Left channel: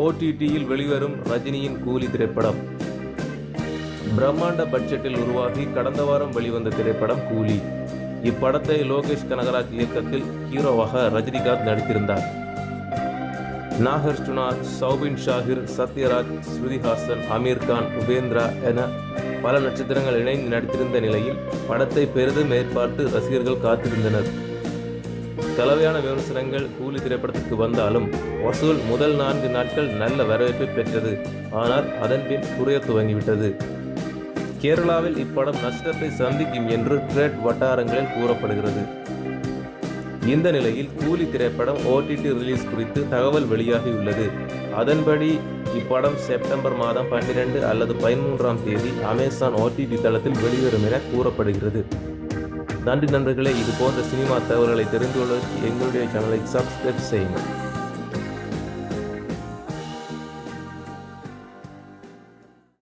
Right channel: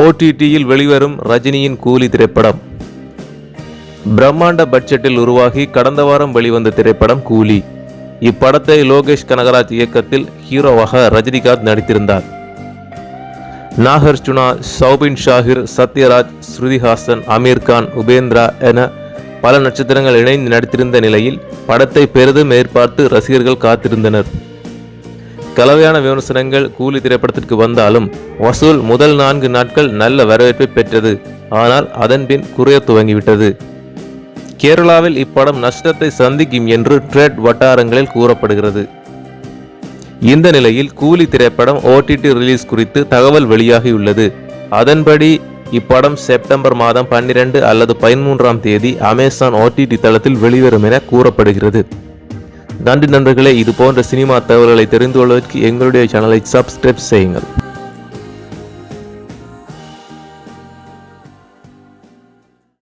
ஓடிடியில் வெளிவரும் ரஜினியின் கூலி திரைப்படம். பிரம்மாண்ட பட்ஜெட்டில் உருவாகி கடந்த வாரம் வெளிவந்த திரைப்படம் கூலி. இப்படத்தை லோகேஷ் கனகராஜ் இயக்கத்தில் ஹீரோவாக ரஜினிகாந்த் நடித்திருந்தார். நாகர்ஜுனா சௌபின் ஷாஹிர் சத்யராஜ் ஸ்ருதிஹாசன் அமீர்கான் உபேந்திரா என பல நட்சத்திரங்கள் இணைந்து நடித்திருந்த நிலையில் படத்தை பெரிதும் எதிர்பார்த்து ரசிகர்கள் காத்திருந்தனர். கலவையான விமர்சனங்கள் கூலி திரைப்படத்திற்கு வந்தாலும் வசூல் முதல் நான்கு நாட்கள் நல்ல வரவேற்பை பெற்றது. ஆனால் அதன்பின் குறைய துவங்கிவிட்டது. கேரளாவில் இப்படம் நஷ்டத்தை சந்திக்கும் என்று ட்ரேட் வட்டாரங்களில் கூறப்படுகிறது. இந்த நிலையில் கூலி திரைப்படம் ஓடிடி ரிலீஸ் குறித்து தகவல் வெளியாகியுள்ளது. அதன்படி இப்படம் செப்டம்பர் மாதம் பன்னிரண்டு அல்லது பதிமூன்றாம் தேதி அமேசான் ஓடிடி தளத்தில் வெளிவரும் என கூறப்படுகிறது. நன்றி நண்பர்களே இது போன்ற சினிமா தகவல்களை தெரிந்து கொள்வதற்கு எங்களுடைய சேனலை சப்ஸ்கிரைப் செய்யுங்கள்.